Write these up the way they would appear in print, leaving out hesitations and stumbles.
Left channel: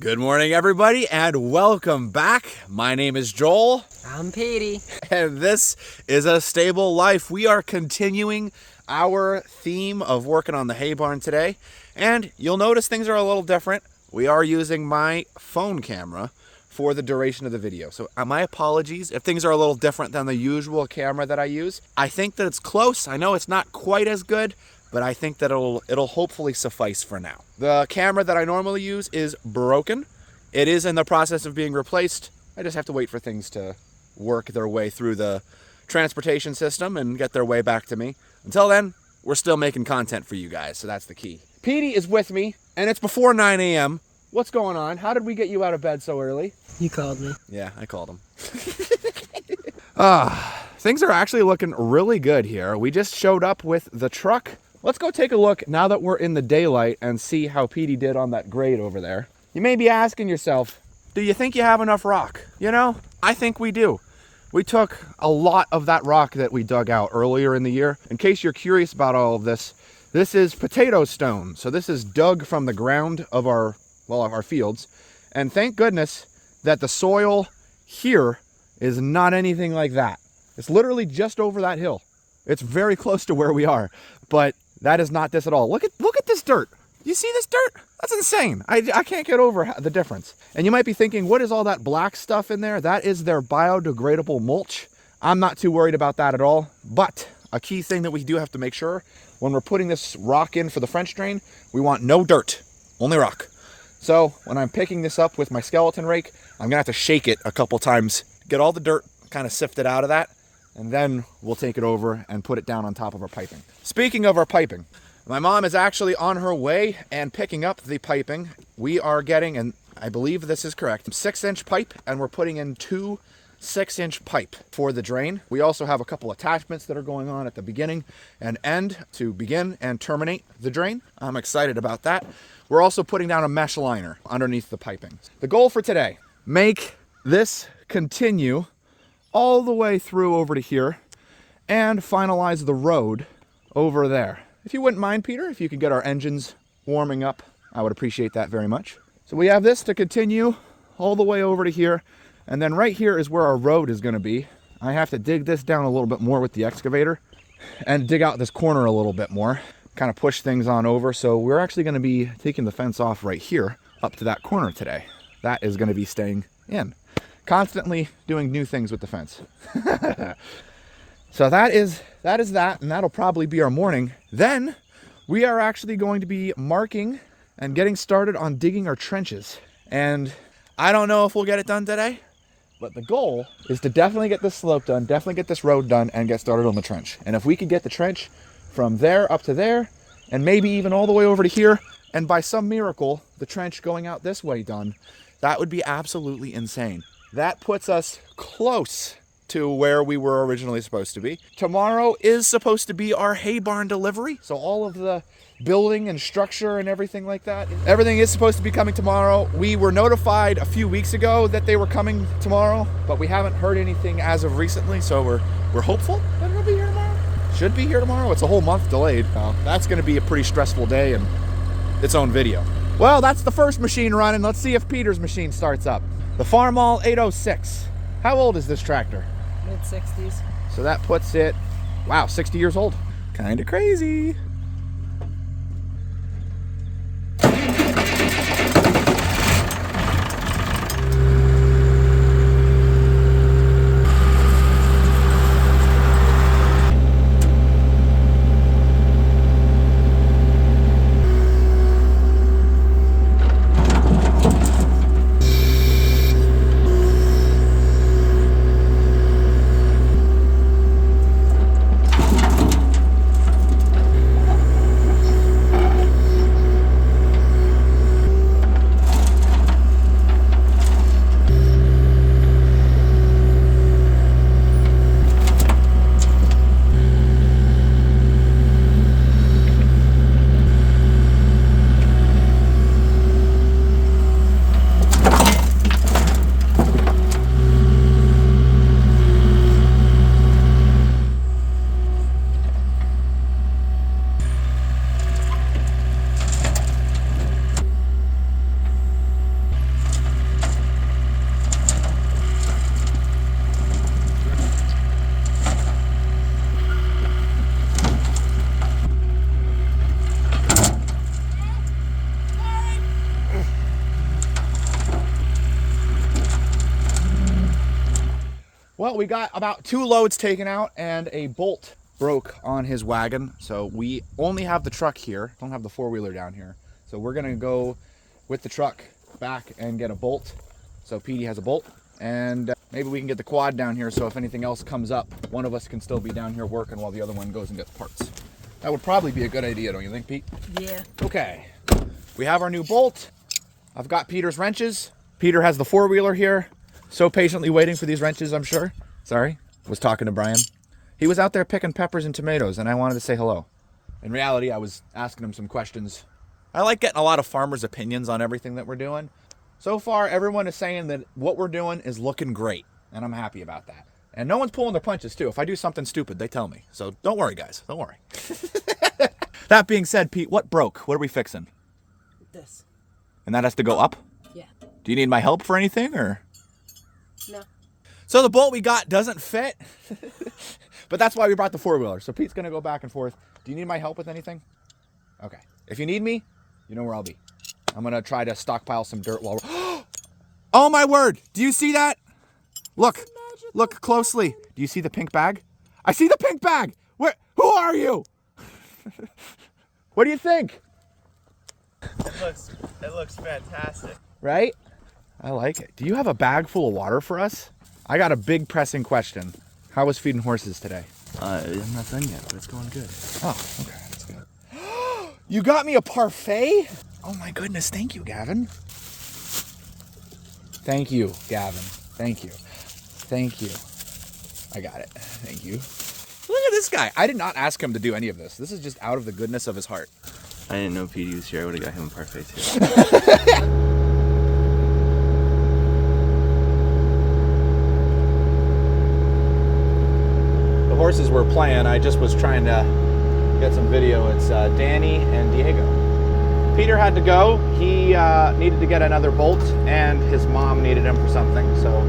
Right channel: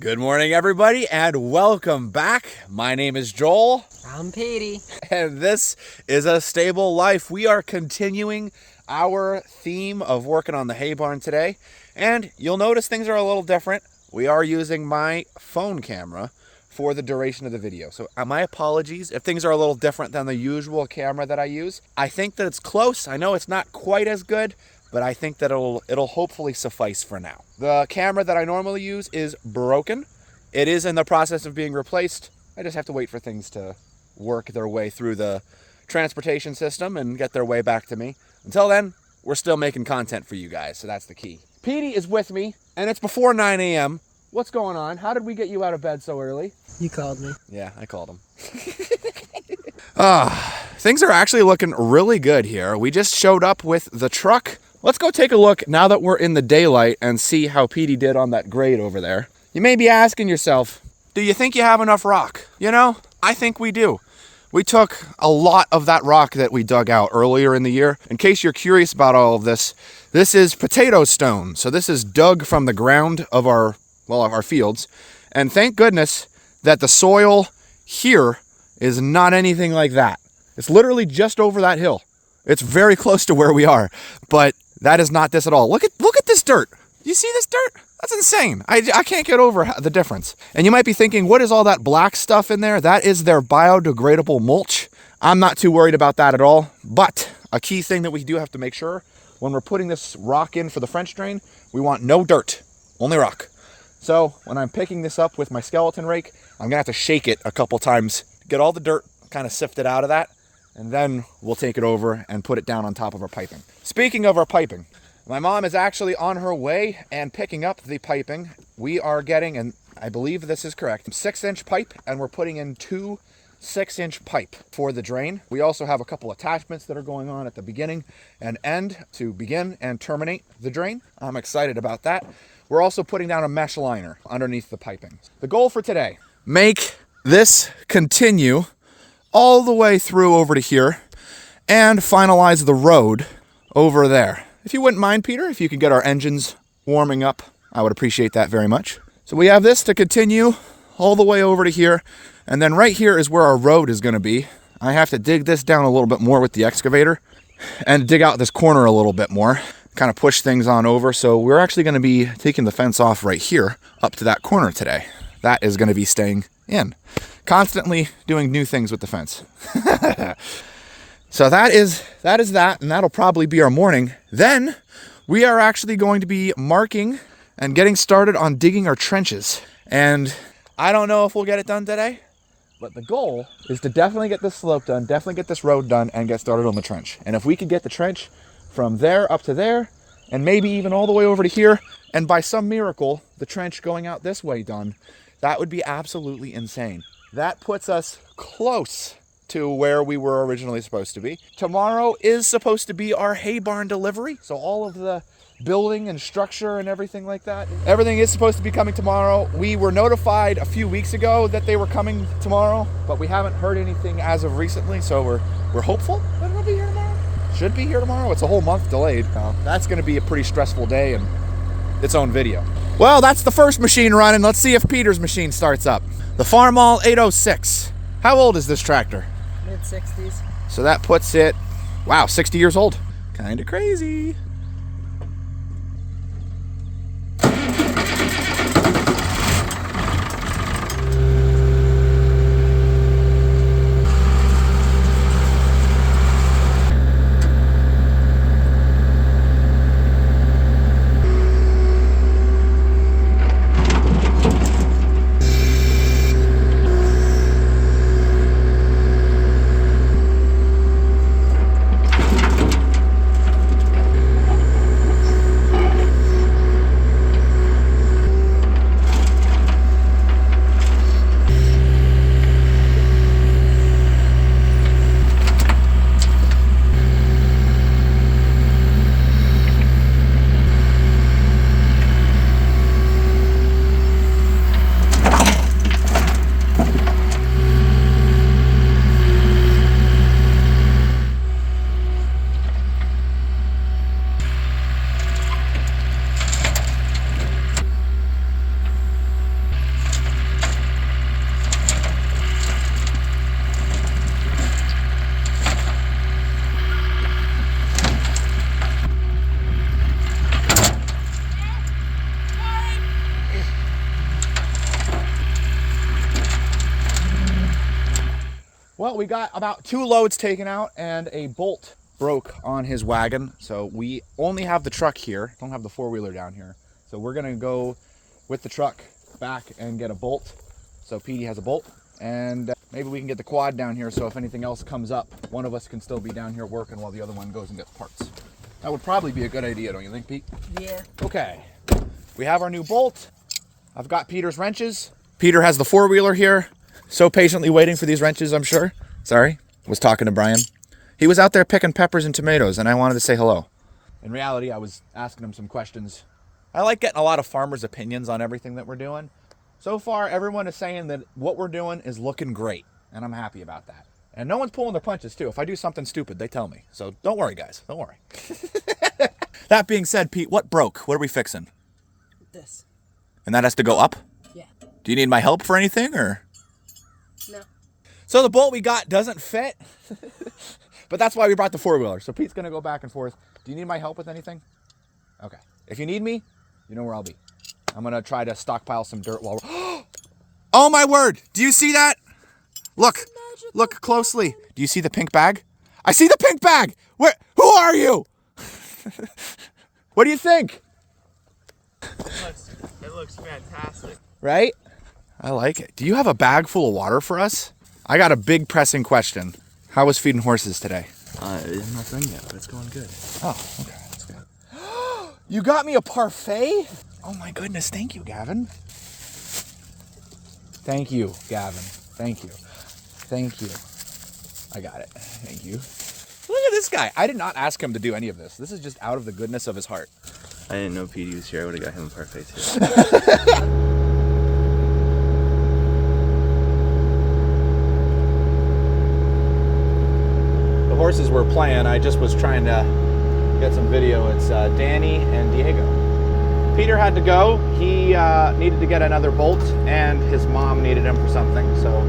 Good morning, everybody, and welcome back. My name is Joel. I'm Petey. And this is A Stable Life. We are continuing our theme of working on the hay barn today. And you'll notice things are a little different. We are using my phone camera for the duration of the video. So my apologies if things are a little different than the usual camera that I use. I think that it's close. I know it's not quite as good, but I think that it'll hopefully suffice for now. The camera that I normally use is broken. It is in the process of being replaced. I just have to wait for things to work their way through the transportation system and get their way back to me. Until then, we're still making content for you guys, so that's the key. Petey is with me, and it's before 9 a.m. What's going on? How did we get you out of bed so early? You called me. Yeah, I called him. Things are actually looking really good here. We just showed up with the truck. Let's go take a look now that we're in the daylight and see how Petey did on that grade over there. You may be asking yourself, do you think you have enough rock? You know, I think we do. We took a lot of that rock that we dug out earlier in the year. In case you're curious about all of this, this is potato stone. So this is dug from the ground of our fields. And thank goodness that the soil here is not anything like that. It's literally just over that hill. It's very close to where we are, but that is not this at all. Look at this dirt. You see this dirt? That's insane. I can't get over the difference. And you might be thinking, what is all that black stuff in there? That is their biodegradable mulch. I'm not too worried about that at all. But a key thing that we do have to make sure when we're putting this rock in for the French drain, we want no dirt, only rock. So when I'm picking this up with my skeleton rake, I'm gonna have to shake it a couple times, get all the dirt kind of sifted out of that, and then we'll take it over and put it down on top of our piping. Speaking of our piping, my mom is actually on her way and picking up the piping. We are getting, and I believe this is correct, 6-inch pipe, and we're putting in 2 6-inch pipe for the drain. We also have a couple attachments that are going on at the beginning and end to begin and terminate the drain. I'm excited about that. We're also putting down a mesh liner underneath the piping. The goal for today, make this continue all the way through over to here and finalize the road over there. If you wouldn't mind, Peter, if you could get our engines warming up, I would appreciate that very much. So we have this to continue all the way over to here, and then right here is where our road is going to be. I have to dig this down a little bit more with the excavator and dig out this corner a little bit more, kind of push things on over. So we're actually going to be taking the fence off right here up to that corner today. That is going to be staying in. Constantly doing new things with the fence. So that is that, and that'll probably be our morning. Then we are actually going to be marking and getting started on digging our trenches. And I don't know if we'll get it done today, but the goal is to definitely get this slope done, definitely get this road done, and get started on the trench. And if we could get the trench from there up to there, and maybe even all the way over to here, and by some miracle, the trench going out this way done, that would be absolutely insane. That puts us close to where we were originally supposed to be. Tomorrow is supposed to be our hay barn delivery. So all of the building and structure and everything like that, everything is supposed to be coming tomorrow. We were notified a few weeks ago that they were coming tomorrow, but we haven't heard anything as of recently. So we're hopeful that it'll be here tomorrow. Should be here tomorrow. It's a whole month delayed. That's gonna be a pretty stressful day and its own video. Well, that's the first machine running. Let's see if Peter's machine starts up. The Farmall 806. How old is this tractor? Mid-60s. So that puts it, wow, 60 years old. Kind of crazy. Well, we got about 2 loads taken out and a bolt broke on his wagon. So we only have the truck here, don't have the 4-wheeler down here. So we're gonna go with the truck back and get a bolt. So Petey has a bolt, and maybe we can get the quad down here so if anything else comes up, one of us can still be down here working while the other one goes and gets parts. That would probably be a good idea, don't you think, Pete? Yeah. Okay, we have our new bolt. I've got Peter's wrenches. Peter has the 4-wheeler here. So patiently waiting for these wrenches, I'm sure. Sorry, was talking to Brian. He was out there picking peppers and tomatoes, and I wanted to say hello. In reality, I was asking him some questions. I like getting a lot of farmers' opinions on everything that we're doing. So far, everyone is saying that what we're doing is looking great, and I'm happy about that. And no one's pulling their punches, too. If I do something stupid, they tell me. So don't worry, guys. Don't worry. That being said, Pete, what broke? What are we fixing? This. And that has to go up? Yeah. Do you need my help for anything, or? No. So the bolt we got doesn't fit, but that's why we brought the 4-wheeler. So Pete's gonna go back and forth. Do you need my help with anything? Okay. If you need me, you know where I'll be. I'm gonna try to stockpile some dirt while we're... Oh my word! Do you see that? Look closely. Do you see the pink bag? I see the pink bag! Who are you? What do you think? It looks fantastic. Right? I like it. Do you have a bag full of water for us? I got a big pressing question. How was feeding horses today? I'm not done yet, but it's going good. Oh, okay. That's good. You got me a parfait? Oh my goodness. Thank you, Gavin. Thank you, Gavin. Thank you. Thank you. I got it. Thank you. Look at this guy. I did not ask him to do any of this. This is just out of the goodness of his heart. I didn't know Petey was here. I would have got him a parfait too. The horses were playing. I just was trying to get some video. It's Danny and Diego. Peter had to go. He needed to get another bolt, and his mom needed him for something. So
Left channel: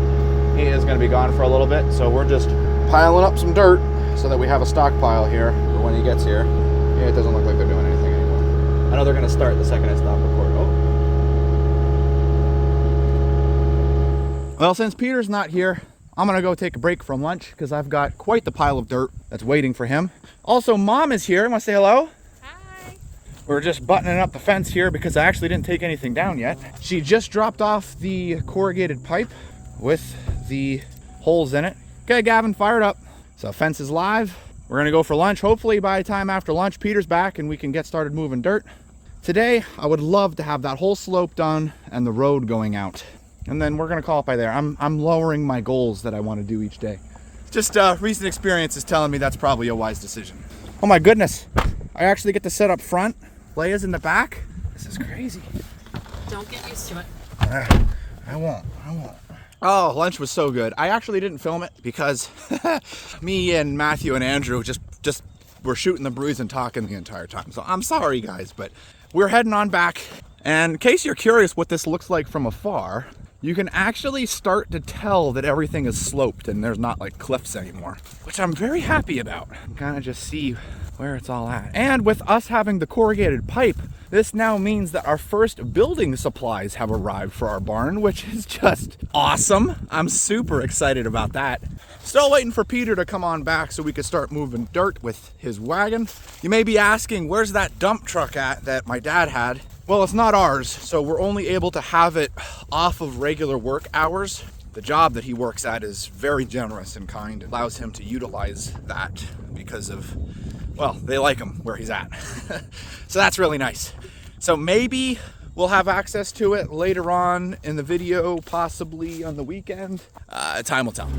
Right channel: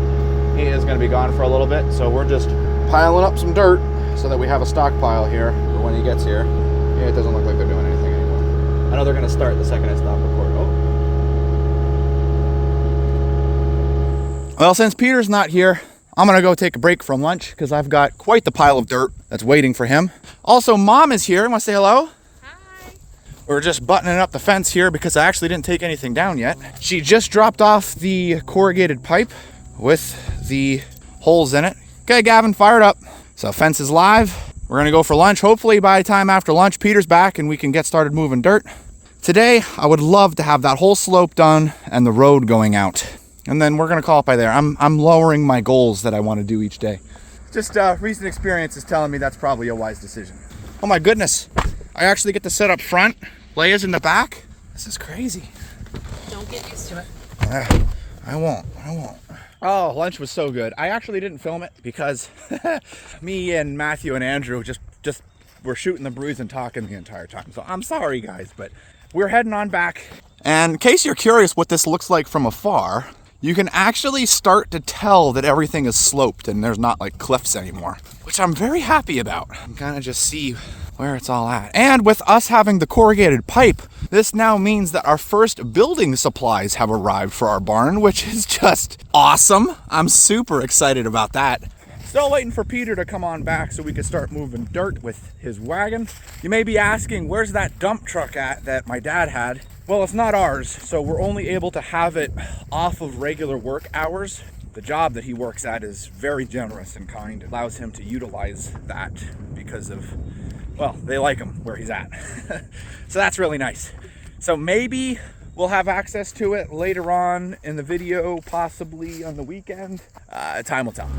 he is going to be gone for a little bit. So we're just piling up some dirt so that we have a stockpile here for when he gets here. Yeah, it doesn't look like they're doing anything anymore. I know they're going to start the second I stop recording. Oh. Well, since Peter's not here, I'm gonna go take a break from lunch because I've got quite the pile of dirt that's waiting for him. Also, Mom is here. Want to say hello? Hi. We're just buttoning up the fence here because I actually didn't take anything down yet. She just dropped off the corrugated pipe with the holes in it. Okay, Gavin, fire it up. So fence is live. We're gonna go for lunch. Hopefully by the time after lunch, Peter's back and we can get started moving dirt. Today, I would love to have that whole slope done and the road going out. And then we're gonna call it by there. I'm lowering my goals that I want to do each day. Just recent experience is telling me that's probably a wise decision. Oh my goodness. I actually get to sit up front. Leia's in the back. This is crazy. Don't get used to it. I won't. Oh, lunch was so good. I actually didn't film it because me and Matthew and Andrew just were shooting the breeze and talking the entire time. So I'm sorry guys, but we're heading on back. And in case you're curious what this looks like from afar, you can actually start to tell that everything is sloped and there's not like cliffs anymore, which I'm very happy about. I'm gonna just see where it's all at. And with us having the corrugated pipe, this now means that our first building supplies have arrived for our barn, which is just awesome. I'm super excited about that. Still waiting for Peter to come on back so we can start moving dirt with his wagon. You may be asking, where's that dump truck at that my dad had? Well, it's not ours, so we're only able to have it off of regular work hours. The job that he works at is very generous and kind. It allows him to utilize that because of, well, they like him where he's at. So that's really nice. So maybe we'll have access to it later on in the video, possibly on the weekend. Time will tell.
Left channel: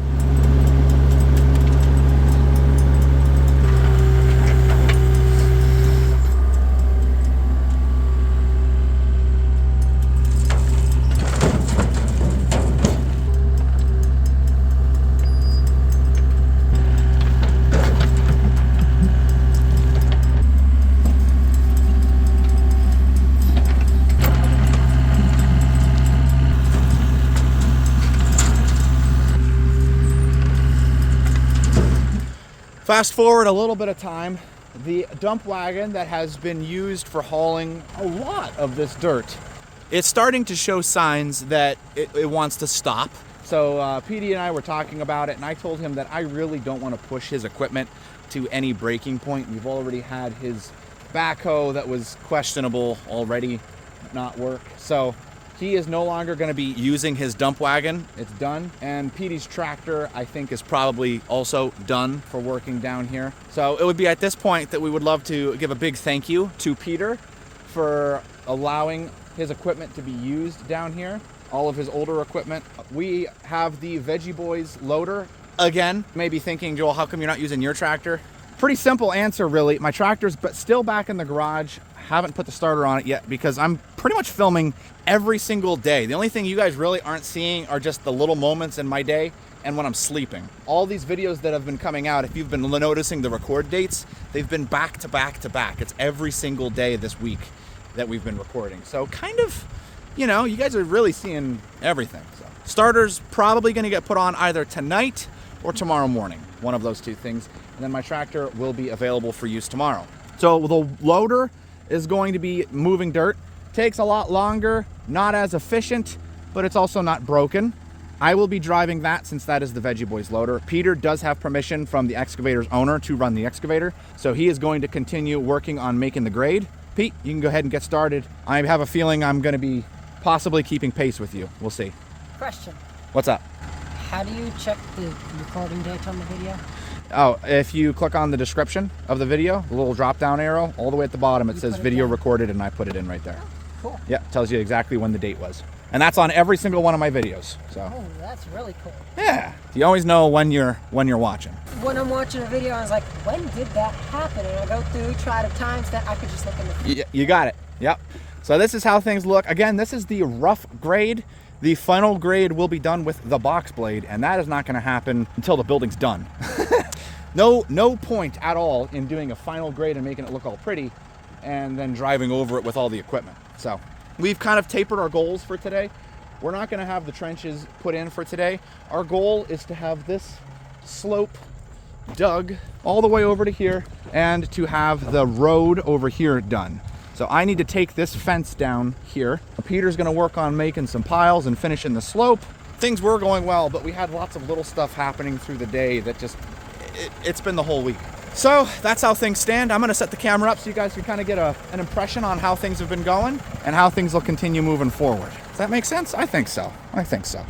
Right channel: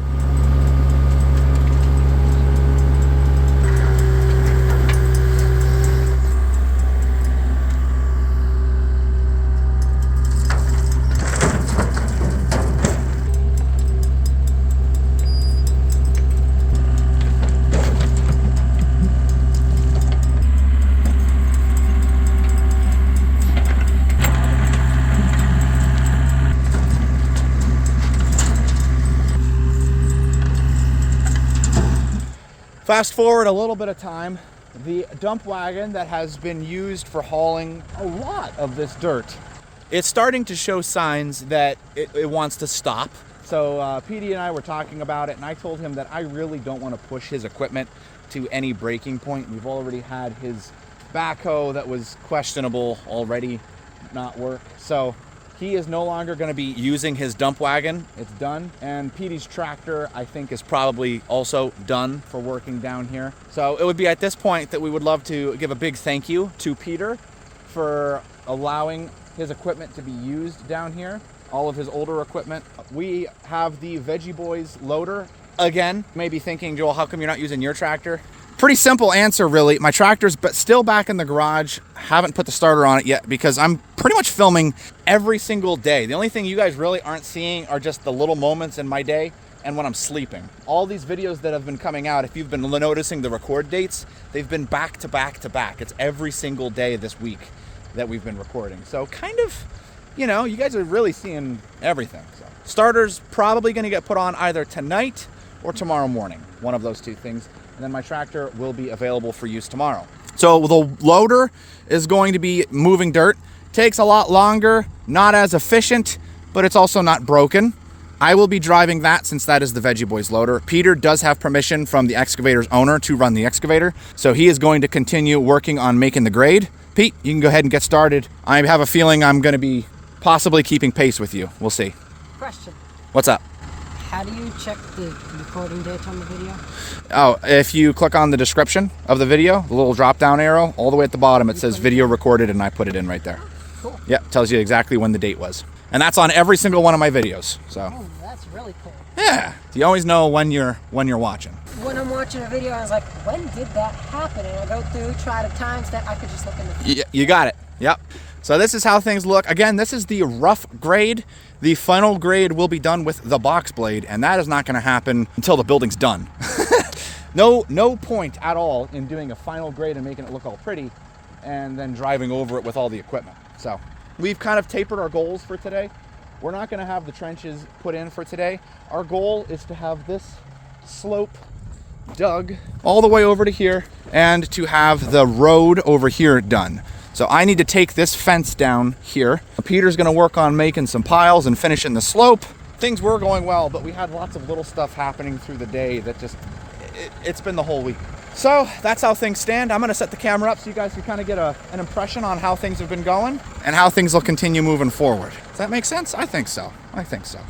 Fast forward a little bit of time, the dump wagon that has been used for hauling a lot of this dirt, it's starting to show signs that it wants to stop. So PD and I were talking about it, and I told him that I really don't want to push his equipment to any breaking point. We've already had his backhoe that was questionable already not work. So he is no longer going to be using his dump wagon. It's done. And PD's tractor, I think, is probably also done for working down here. So it would be at this point that we would love to give a big thank you to Peter for allowing his equipment to be used down here, all of his older equipment. We have the Veggie Boys loader again. You may be thinking, Joel, how come you're not using your tractor? Pretty simple answer, really. My tractor's still back in the garage. Haven't put the starter on it yet because I'm pretty much filming every single day. The only thing you guys really aren't seeing are just the little moments in my day and when I'm sleeping. All these videos that have been coming out, if you've been noticing the record dates, they've been back to back to back. It's every single day this week that we've been recording. So kind of, you know, you guys are really seeing everything. So starter's probably gonna get put on either tonight or tomorrow morning, one of those two things. And then my tractor will be available for use tomorrow. So the loader is going to be moving dirt. Takes a lot longer, not as efficient, but it's also not broken. I will be driving that since that is the Veggie Boys loader. Peter does have permission from the excavator's owner to run the excavator. So he is going to continue working on making the grade. Pete, you can go ahead and get started. I have a feeling I'm going to be possibly keeping pace with you. We'll see. Question. What's up? How do you check the recording date on the video? Oh, if you click on the description of the video, the little drop down arrow, all the way at the bottom, it says video recorded, and I put it in right there. Cool. Yeah, tells you exactly when the date was. And that's on every single one of my videos. So Oh, that's really cool. yeah, you always know when you're watching. When I'm watching a video, I was like, when did that happen? And I go through, try to times that I could just look in the You got it. Yep. So this is how things look. Again, this is the rough grade. The final grade will be done with the box blade, and that is not going to happen until the building's done. No point at all in doing a final grade and making it look all pretty and then driving over it with all the equipment. So we've kind of tapered our goals for today. We're not going to have the trenches put in for today. Our goal is to have this slope dug all the way over to here and to have the road over here done. So I need to take this fence down here. Peter's gonna work on making some piles and finishing the slope. Things were going well, but we had lots of little stuff happening through the day that just, it's been the whole week. So that's how things stand. I'm gonna set the camera up so you guys can kind of get an impression on how things have been going and how things will continue moving forward. Does that make sense? I think so. I think so.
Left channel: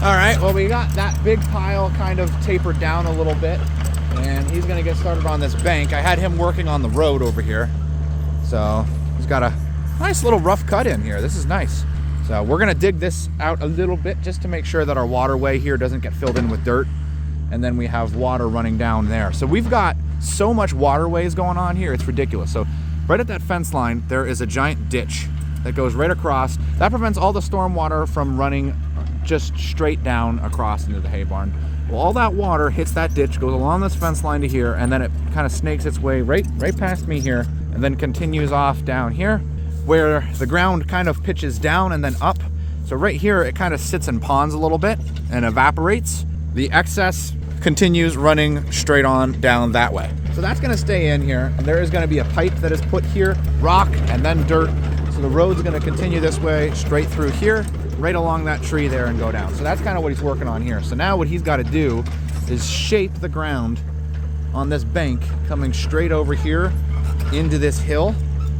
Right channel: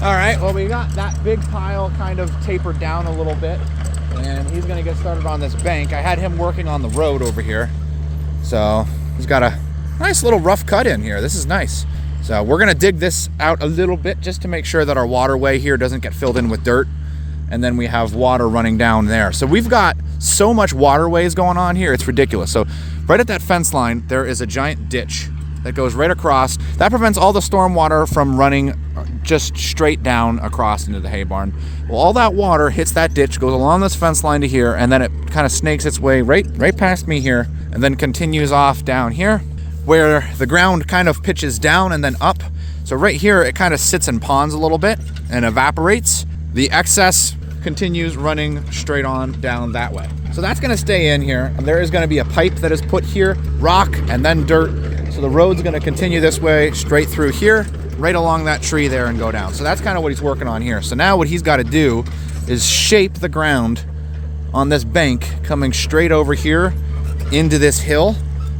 All right, well, we got that big pile kind of tapered down a little bit, and he's gonna get started on this bank. I had him working on the road over here. So he's got a nice little rough cut in here. This is nice. So we're gonna dig this out a little bit just to make sure that our waterway here doesn't get filled in with dirt. And then we have water running down there. So we've got so much waterways going on here, it's ridiculous. So right at that fence line, there is a giant ditch that goes right across. That prevents all the storm water from running just straight down across into the hay barn. Well, all that water hits that ditch, goes along this fence line to here, and then it kind of snakes its way right past me here, and then continues off down here, where the ground kind of pitches down and then up. So right here, it kind of sits in ponds a little bit and evaporates. The excess continues running straight on down that way. So that's gonna stay in here. There is gonna be a pipe that is put here, rock, and then dirt. So the road's gonna continue this way, straight through here, right along that tree there and go down. So that's kind of what he's working on here. So now what he's got to do is shape the ground on this bank coming straight over here into this hill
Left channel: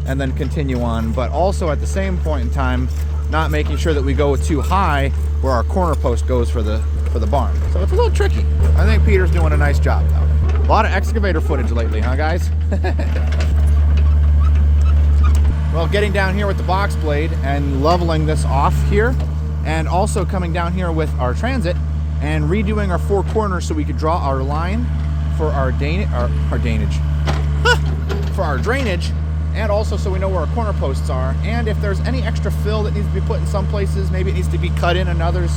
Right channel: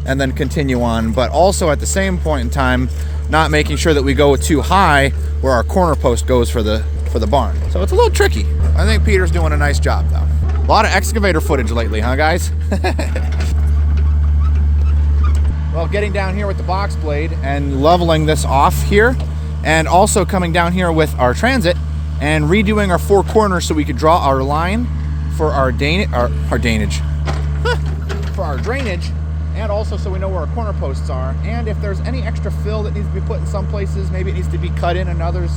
and then continue on, but also at the same point in time not making sure that we go too high where our corner post goes for the barn. So it's a little tricky. I think Peter's doing a nice job though. A lot of excavator footage lately, huh guys? Well, getting down here with the box blade and leveling this off here, and also coming down here with our transit and redoing our four corners so we could draw our line for our drainage, and also so we know where our corner posts are, and if there's any extra fill that needs to be put in some places, maybe it needs to be cut in others.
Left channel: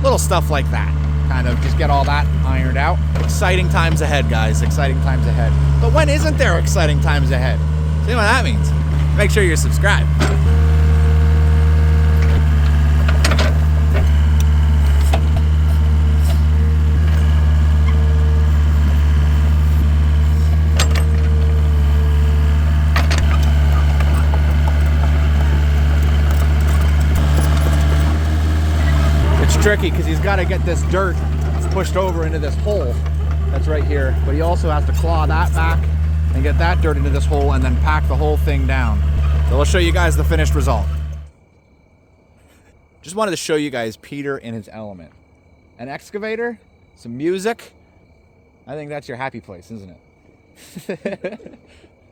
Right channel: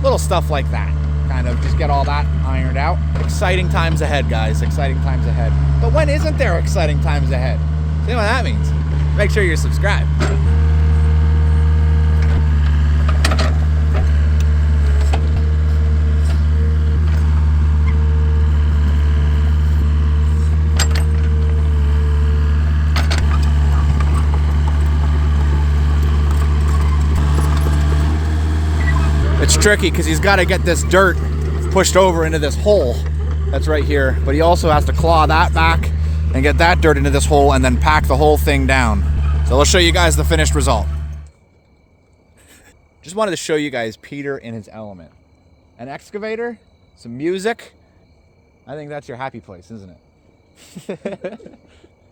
Little stuff like that. Kind of just get all that ironed out. Exciting times ahead, guys. Exciting times ahead. But when isn't there exciting times ahead? See what that means? Make sure you're subscribed. It's tricky because he's got to get this dirt pushed over into this hole that's right here, but he also has to claw that back and get that dirt into this hole and then pack the whole thing down. So we'll show you guys the finished result. Just wanted to show you guys Peter in his element. An excavator, some music. I think that's your happy place, isn't it?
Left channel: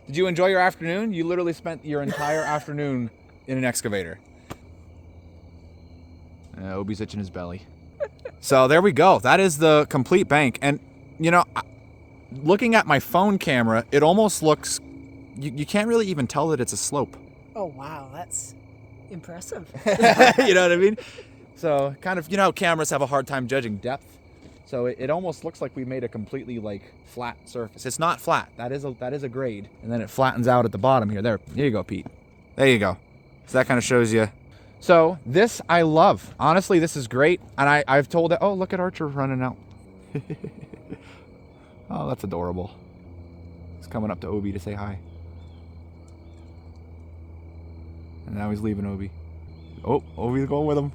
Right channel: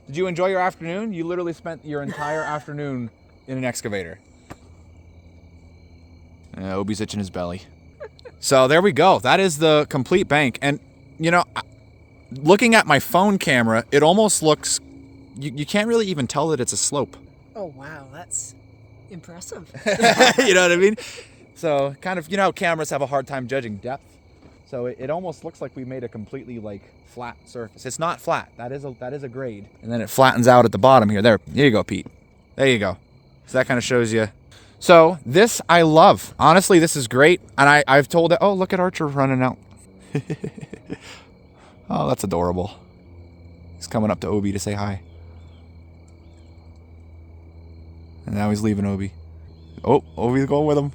Did you enjoy your afternoon? You literally spent your entire afternoon in an excavator. Obi's itching his belly. So there we go. That is the complete bank. And, you know, looking at my phone camera, it almost looks... You can't really even tell that it's a slope. Oh, wow. That's impressive. You know what I mean? So kind of, you know how cameras have a hard time judging depth? So it almost looks like we made a completely, like, flat surface. It's not flat. That is a grade. And then it flattens out at the bottom here. Here you go, Pete. There you go. So that kind of shows you... So this I love. Honestly, this is great. And I've told it, oh, look at Archer running out. Oh, that's adorable. He's coming up to Obi to say hi. And now he's leaving Obi. Oh, Obi's going with him.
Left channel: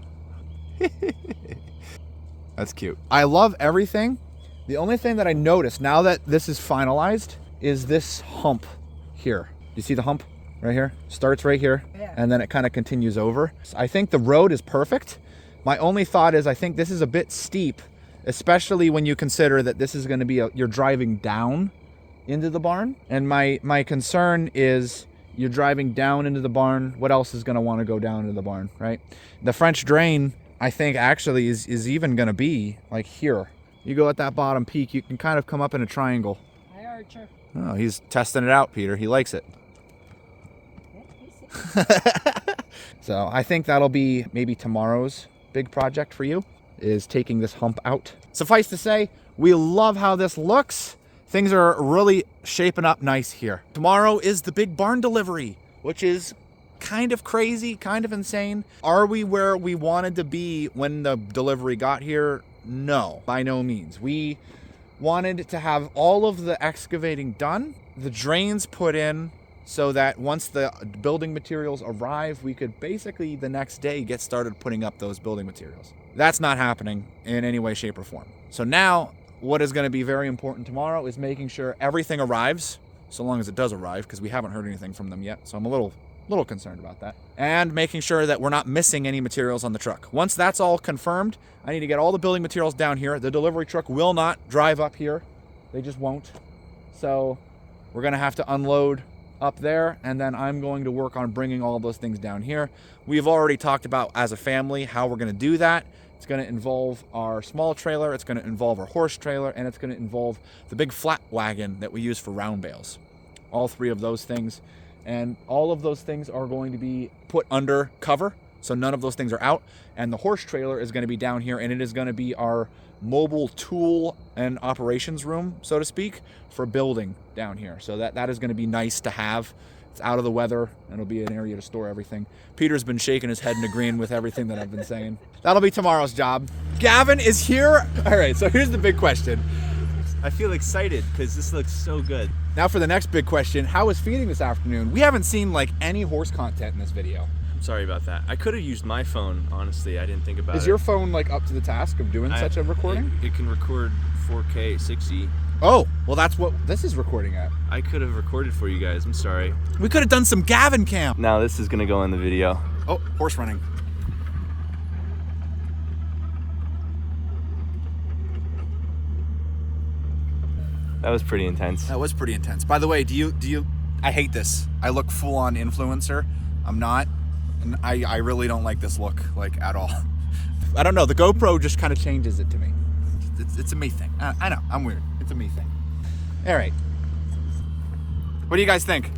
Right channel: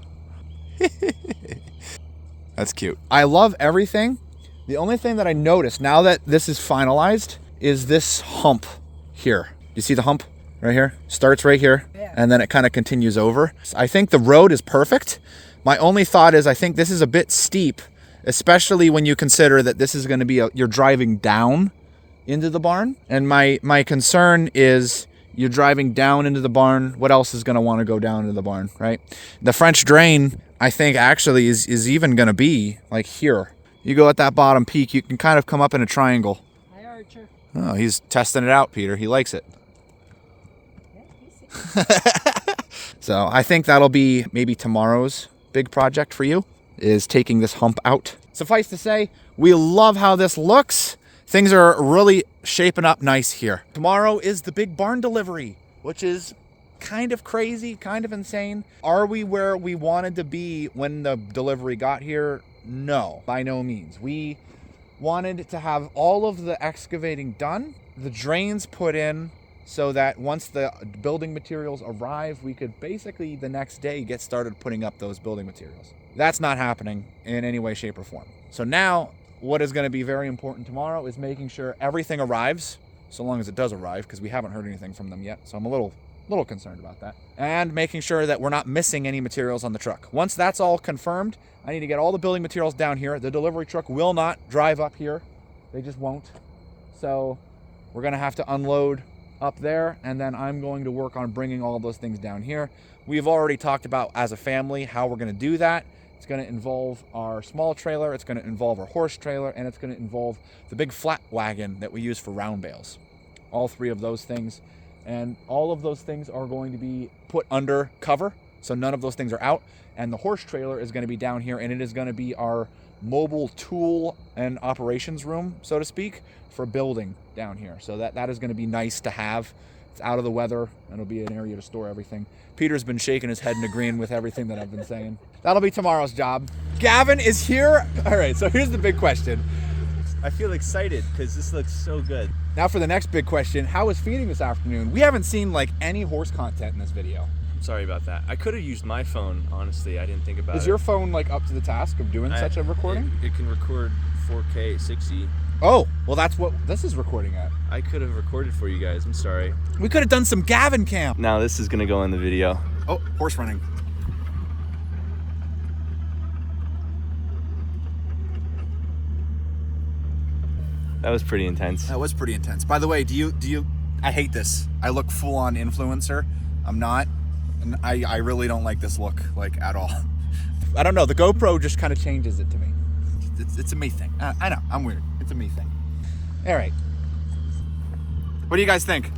That's cute. I love everything. The only thing that I noticed now that this is finalized is this hump here. You see the hump? Right here, starts right here, and then it kind of continues over. I think the road is perfect. My only thought is I think this is a bit steep, especially when you consider that this is going to be you're driving down into the barn. And my concern is you're driving down into the barn. What else is going to want to go down into the barn, right? The French drain, I think actually is even going to be like here. You go at that bottom peak, you can kind of come up in a triangle. Hi, Archer. Oh, he's testing it out, Peter. He likes it. So I think that'll be maybe tomorrow's big project for you, is taking this hump out. Suffice to say, we love how this looks. Things are really shaping up nice here. Tomorrow is the big barn delivery, which is kind of crazy, kind of insane. Are we where we wanted to be when the delivery got here? No, by no means. We wanted to have all of the excavating done, the drains put in, so that once the building materials arrive, we could basically the next day get started putting up those building materials. That's not happening in any way, shape, or form. So now, what is going to be very important tomorrow is making sure everything arrives, so long as it does arrive, because we haven't heard anything from them yet, so I'm a little concerned about that. And making sure that we're not missing any materials on the truck. Once that's all confirmed, I need to get all the building materials down here. The delivery truck will not drive up here. They just won't. So we're going to have to unload up there, and then I'm going to work on bringing all those things down here. We've already talked about as a family how we're going to do that. It's going to involve our small trailer, it's going to involve our horse trailer, and it's going to involve the big flat wagon that we use for round bales. All three of those things. And all of those things are going to be put under cover, so none of those things are out. And the horse trailer is going to be down here, and it is going to be our mobile tool and operations room, so to speak, for building down here. So that is going to be nice to have. It's out of the weather, and it'll be an area to store everything. Peter's been shaking his head and agreeing with everything that I've been saying. That'll be tomorrow's job. Gavin is here. All right, so here's the big question. I feel excited because this looks so good. Now for the next big question, how was feeding this afternoon? We haven't seen like any horse content in this video. I'm sorry about that. I could have used my phone, honestly. I didn't think about it. Is your phone like up to the task of doing such a recording? It can record 4K 60. Oh, well that's what this is recording at. I could have recorded for you guys. I'm sorry. We could have done some Gavin cam. Now this is gonna go in the video. Oh, horse running. That was pretty intense. That was pretty intense. By the way, do you I hate this. I look full on influencer. I'm not. And I really don't like this look, like, at all. I don't know. The GoPro just kind of changes it to me. It's a me thing. I know. I'm weird. It's a me thing. All right. What do you guys think?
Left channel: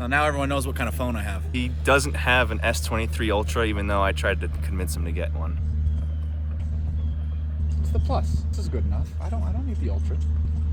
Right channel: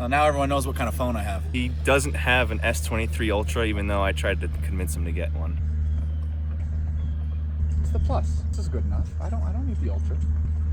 Well, now everyone knows what kind of phone I have. He doesn't have an S23 Ultra, even though I tried to convince him to get one. It's the Plus. This is good enough. I don't need the Ultra.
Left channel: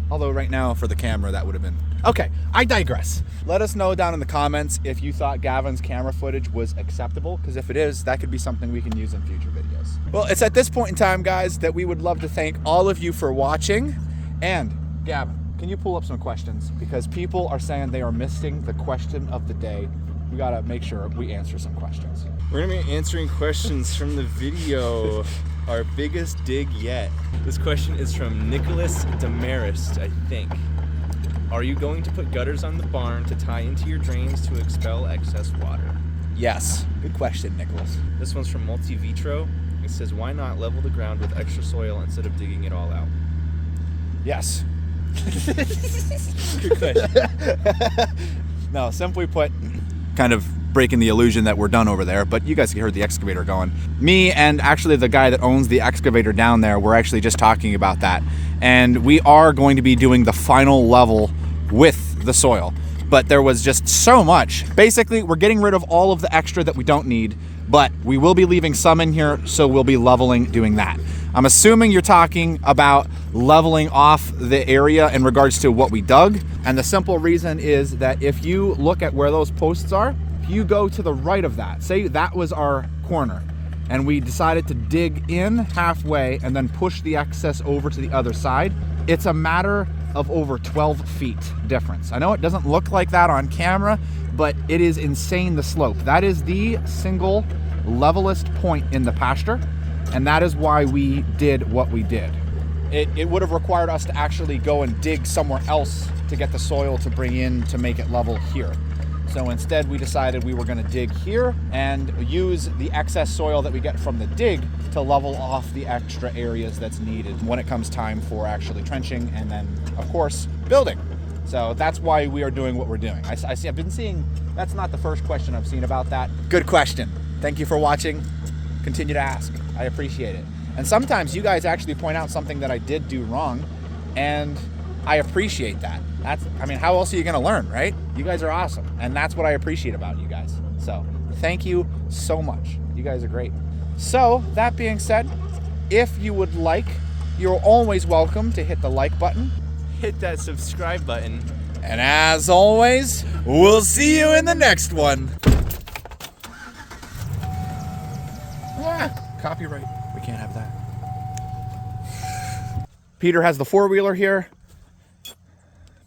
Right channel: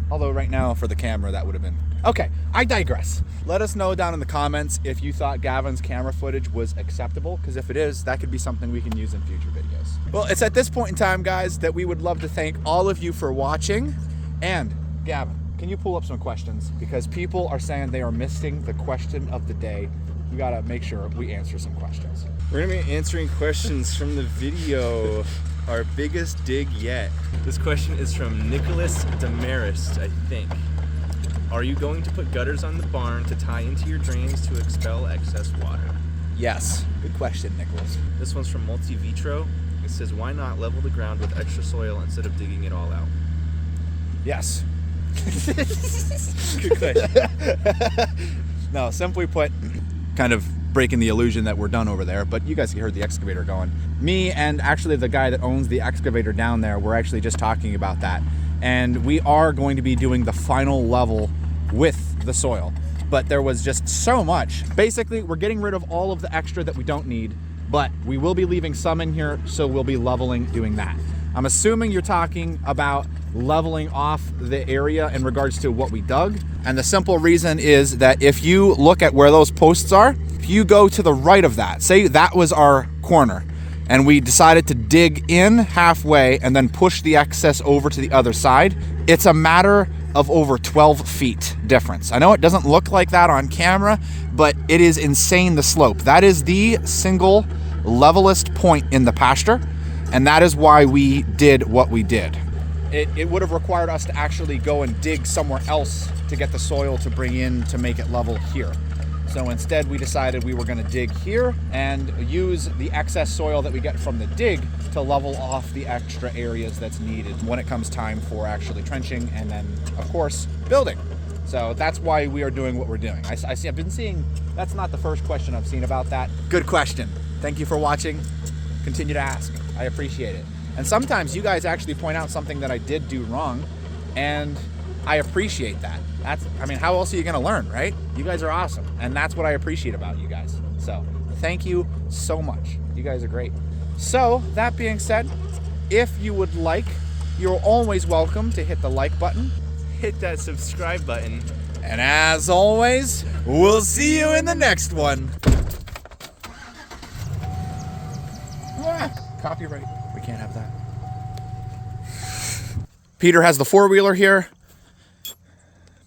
Although right now for the camera that would have been. Okay, I digress. Let us know down in the comments if you thought Gavin's camera footage was acceptable, because if it is, that could be something we can use in future videos. Well, it's at this point in time, guys, that we would love to thank all of you for watching. And Gavin, can you pull up some questions? Because people are saying they are missing the question of the day. We gotta make sure we answer some questions. We're gonna be answering questions from the video. Our biggest dig yet. This question is from Nicholas Demarest, I think. Are you going to put gutters on the barn to tie into your drains to expel excess water? Yes, good question, Nicholas. This one's from Multi Vitro. It says, why not level the ground with extra soil instead of digging it all out? Yes. Good question. No, simply put, kind of breaking the illusion that we're done over there, but you guys heard the excavator going. Me and actually the guy that owns the excavator down there, we're actually just talking about that. And we are going to be doing the final level with the soil. But there was just so much. Basically, we're getting rid of all of the extra that we don't need, but we will be leaving some in here, so we'll be leveling doing that. I'm assuming you're talking about leveling off the area in regards to what we dug. And the simple reason is that if you look at where those posts are, if you go to the right of that, say that was our corner, and we decided to dig in halfway and then push the excess over to the other side, it's a matter of over 12 feet difference. I know it doesn't look like that on camera, but it is insane, the slope. That is the single levelest point in the pasture, and that is why we did what we did. It would have required us to actually go and dig somewhere else to get the soil to bring in to make it level here. So instead we decided we were going to dig here and use the excess soil that we get from the dig to level off the extra areas that's needed when it comes time for actually trenching and then, of course, building. So that's why we are doing what we're doing. I've been seeing, that's not the first question I've seen about that. Good question. Thank you for watching. Continue to ask. I appreciate it. And sometimes you guys actually point out something that I did do wrong, and I appreciate that. I mean, how else are you gonna learn, right? You guys are awesome, and that's what I appreciate about you guys. So thank you so much. You guys are great. So that being said, if you would like, you're always welcome to hit the like button. Hit that subscribe button. And as always, we'll see you in the next one. Copyright. We can't have that. Peter has the four-wheeler here.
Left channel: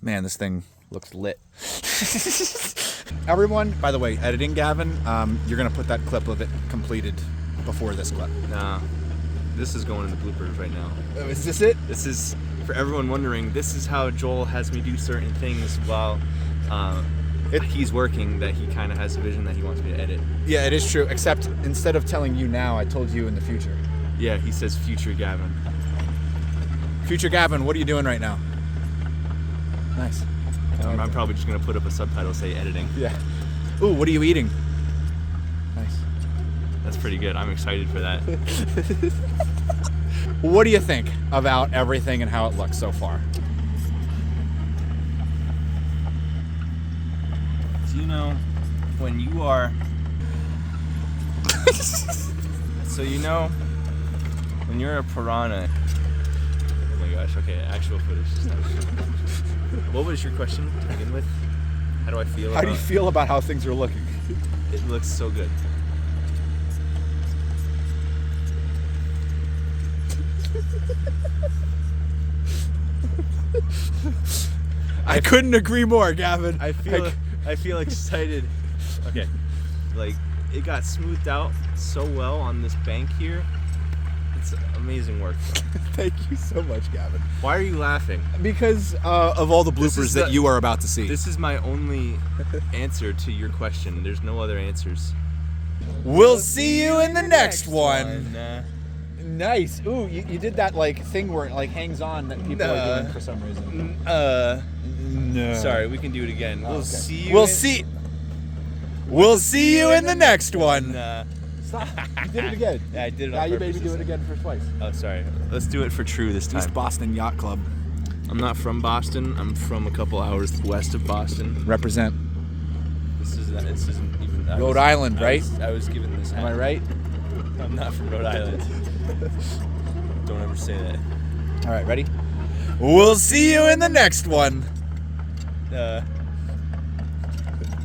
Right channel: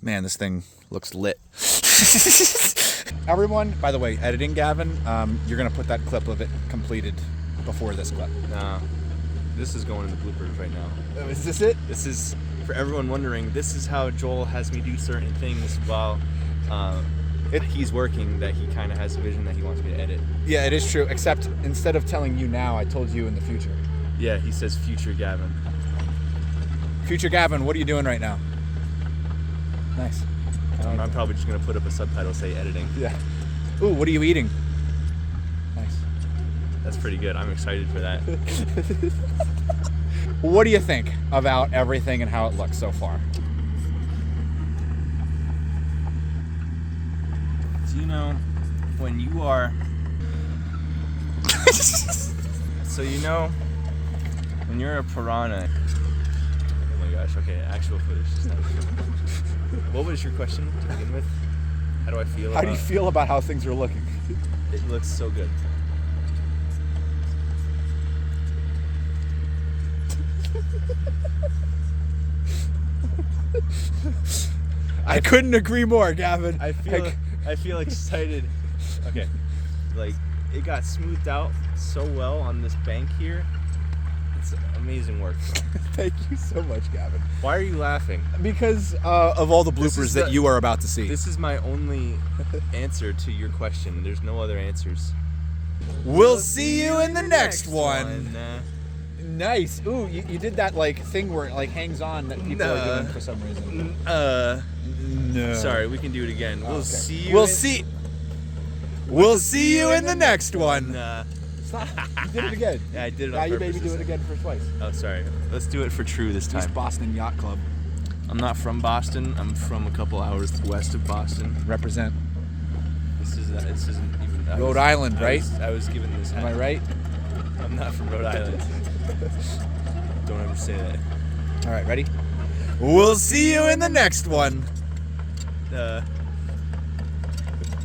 Man, this thing looks lit. Everyone, by the way, editing Gavin, you're gonna put that clip of it completed before this clip. Nah, this is going in the bloopers right now. Oh, is this it? This is, for everyone wondering, this is how Joel has me do certain things while he's working, that he kind of has a vision that he wants me to edit. Yeah, it is true, except instead of telling you now, I told you in the future. Yeah, he says future Gavin. Future Gavin, what are you doing right now? Nice. I'm probably just gonna put up a subtitle, say editing. Yeah. Ooh, what are you eating? Nice. That's pretty good. I'm excited for that. What do you think about everything and how it looks so far? Do you know when you are so you know when you're a piranha? Oh my gosh, okay, actual footage. What was your question to begin with? How do I feel How do you feel about how things are looking? It looks so good. I couldn't agree more, Gavin. I feel excited. Okay, like it got smoothed out so well on this bank here. It's amazing work, bro. Thank you so much, Gavin. Why are you laughing? Because of all the bloopers that you are about to see. This is my only answer to your question. There's no other answers. We'll see you in the next one. Nah. Nice. Ooh, you did that like thing where it like hangs on that people are doing for some reason. No. Sorry, we can do it again. We'll see you. We'll see you in the next one. Stop. You did it again. Yeah, I did it on Now you purpose maybe do it again for twice. Oh, sorry. Let's do it for true this time. East Boston Yacht Club. I'm not from Boston. I'm from a couple hours west of Boston. Represent. This isn't even. Rhode Island, right? I was given this hat. Am I right? I'm not from Rhode Island. Don't ever say that. All right, ready? We'll see you in the next one.